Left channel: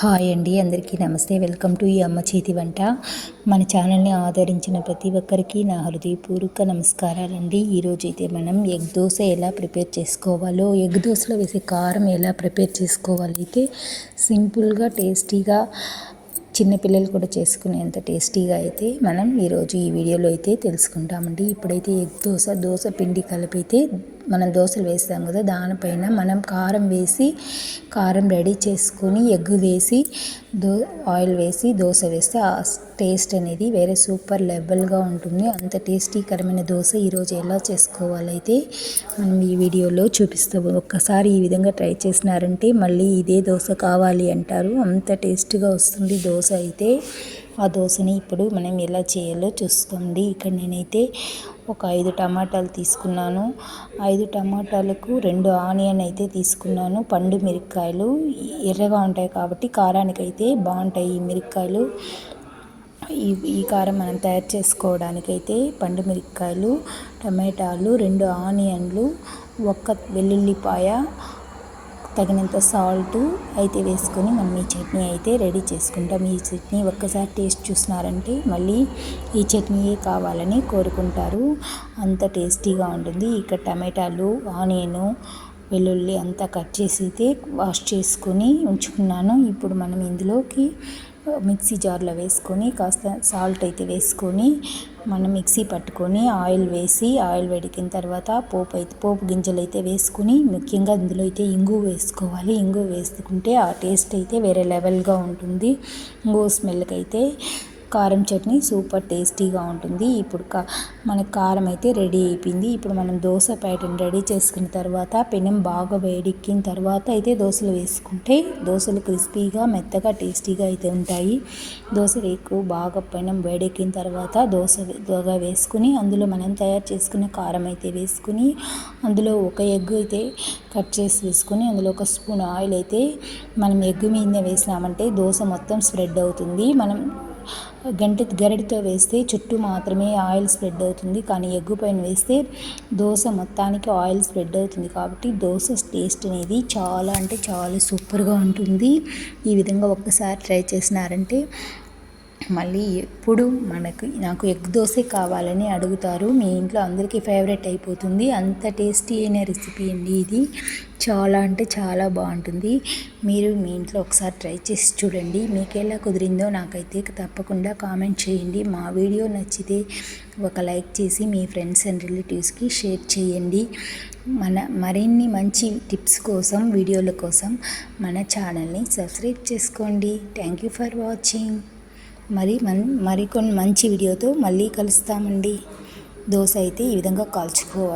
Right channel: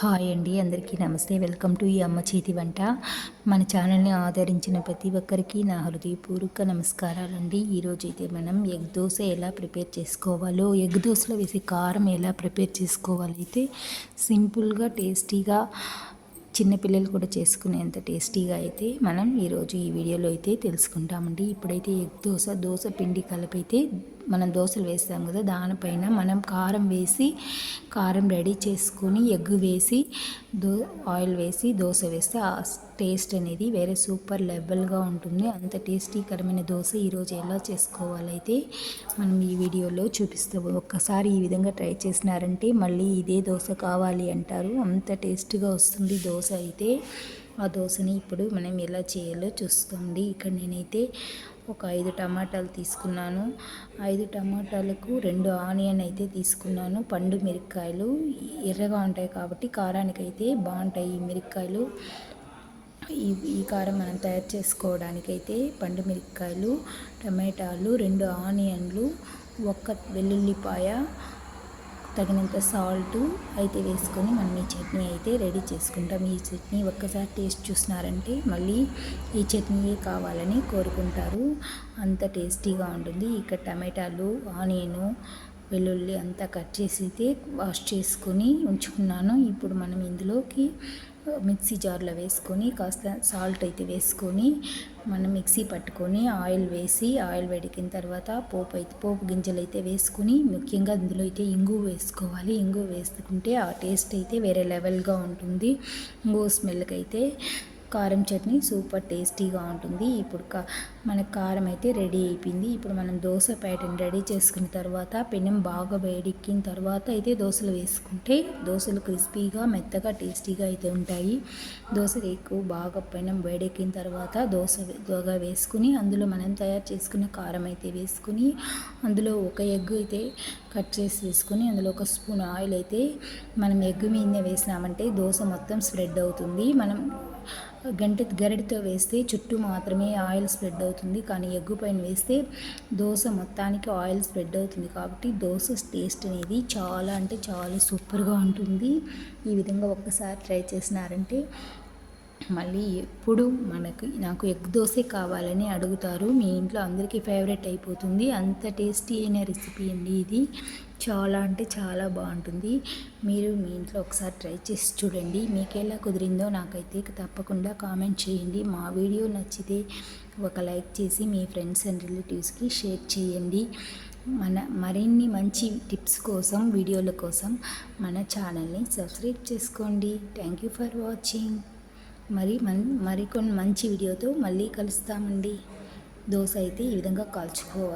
Hi అండి అందరికీ నమస్తే. వెల్కమ్ టు ఈ అమ్మ చేతి వంట. మన ఛానల్ని ఆదరించిన ప్రతి ఒక్కరికి నా హృదయపూర్వక నమస్కారాలండి. ఈరోజు అయితే మనం ఎగ్ దోశ ఎలా ప్రిపేర్ చేసుకోవాలో ఎగ్ దోశలో వేసే కారం ఎలా ప్రిపేర్ చేసుకోవాలో అయితే సింపుల్గా టేస్టీగా చిన్నపిల్లలు కూడా చేసుకునేంత టేస్టీగా అయితే మనం ఈరోజు ఈ వీడియోలో అయితే తెలుసుకుంటామండి. ఇప్పుడైతే ఎగ్ దోశ దోశ పిండి కలిపితే మనం దోశలు వేస్తాం కదా దానిపైన మనం కారం వేసి కారం రెడీ చేసుకొని ఎగ్ వేసి దో ఆయిల్ వేసి దోశ వేస్తే ఆ టేస్ట్ అనేది వేరే సూపర్ లెవెల్గా ఉంటుంది. అంత టేస్టీకరమైన దోశ ఈరోజు ఎలా చేసుకోవాలైతే మనం ఈ వీడియోలో చూపిస్తాము ఒక్కసారి ఈ విధంగా ట్రై చేసినారంటే మళ్ళీ ఇదే దోశ కావాలి అంటారు. అంత టేస్ట్గా వస్తుంది దోశ అయితే. ఆ దోశని ఇప్పుడు మనం ఎలా చేయాలో చూస్తుంది ఇక్కడ నేనైతే ఒక ఐదు టమాటాలు తీసుకున్నాను. ఐదు టమాటాలకు రెండు ఆనియన్ అయితే తీసుకున్నాను. పండు మిరపకాయలు ఎర్రగా ఉంటాయి కాబట్టి కారానికైతే బాగుంటాయి ఈ మిరపకాయలు. ఈ ఈ కారం మనం తయారు చేసుకోవడానికైతే పండు మిరపకాయలు టమాటాలు రెండు ఆనియన్లు ఒక్క వెల్లుల్లిపాయ తగినంత సాల్ట్ అయితే వేసుకొని మనం ఈ చట్నీ అయితే రెడీ చేసుకుంటాం. ఈ చట్నీ ఒక్కసారి టేస్ట్ చూసినారంటే మళ్ళీ ఈ చట్నీయే కావాలని కోరుకుంటారు. అంత టేస్టీగా ఉంటుంది. ఇక్కడ టమాటాలు ఆనియను వెల్లుల్లి అంతా కట్ చేసి అయితే వాష్ చేసుకొని ఉంచుకున్నాను. ఇప్పుడు మనం ఇందులోకి మిక్సీ జార్లో వేసుకొని కాస్త సాల్ట్ అయితే వేసుకొని మనం మిక్సీ పట్టుకొని ఆయిల్ వేసి ఆయిల్ వేడికిన తర్వాత పోపు అయితే పోపు గింజలు అయితే వేసుకుని ముఖ్యంగా ఇందులో అయితే ఇంగు వేసుకోవాలి. ఇంగు వేసుకుంటే ఆ టేస్ట్ అయితే వేరే లెవెల్గా ఉంటుంది. ఇంగు స్మెల్కి అయితే కారం చట్నీ సూపర్ టేస్టీగా ఉంటుంది. ఇప్పుడు కా మన కారం అయితే రెడీ అయిపోయింది. ఇప్పుడు మనం దోశ ప్యాటర్న్ రెడీ చేసుకున్న తర్వాత పెనం బాగా వేడెక్కిన తర్వాత అయితే దోశలు వేసుకుంటే దోశలు క్రిస్పీగా మెత్తగా టేస్టీగా అయితే ఉంటాయి. దోశలు ఎక్కువ బాగా పెనం వేడెక్కిన తర్వాత దోశ దోగా వేసుకుని అందులో మనం తయారు చేసుకునే కారం అయితే వేసుకుని అందులో ఒక ఎగ్ అయితే కట్ చేసి వేసుకొని అందులో ఒక స్పూన్ ఆయిల్ అయితే మనం ఎగ్ మీద వేసినామంటే దోశ మొత్తం స్ప్రెడ్ అవుతుంది. మనం గంటి గరిటతో వేస్తే చుట్టూ మాత్రమే ఆయిల్ స్ప్రెడ్ అవుతుంది. కానీ ఎగ్గు పైన వేస్తే దోశ మొత్తానికి ఆయిల్ స్ప్రెడ్ అవుతుంది. కాబట్టి దోశ టేస్ట్ అనేది చాలా అంటే చాలా సూపర్గా ఉంటుంది. ఈ విధంగా ఒక్కసారి ట్రై చేసినారంటే మళ్ళీ ఎప్పుడు మనకు నాకు ఎగ్ దోశ కావాలని అడుగుతారు. మీ ఇంట్లో అందరికీ ఫేవరెట్ అయిపోతుంది. అంత టేస్టీ అయిన రెసిపీ అండి ఇది. చాలా అంటే చాలా బాగుంటుంది. మీరు మీ ఇంట్లో ఒకసారి ట్రై చేసి చూడండి. మీకు ఎలా కుదిరిందో నాకైతే తప్పకుండా కామెంట్ చేయండి. మా వీడియో నచ్చితే ఒక లైక్ చేసి మీ ఫ్రెండ్స్ అండ్ రిలేటివ్స్కి షేర్ చేయండి. మన మరిన్ని మంచి టిప్స్ కోసం వీడియోల కోసం మన ఛానల్ని సబ్స్క్రైబ్ చేసుకోండి. థ్యాంక్ యూ ఫర్ వాచింగ్ మరి మన్ మరికొన్ని మంచి వీడియోతో మళ్ళీ కలుస్తామండి. దోశ అయితే ఈ విధంగా కాల్చుకోవాలి.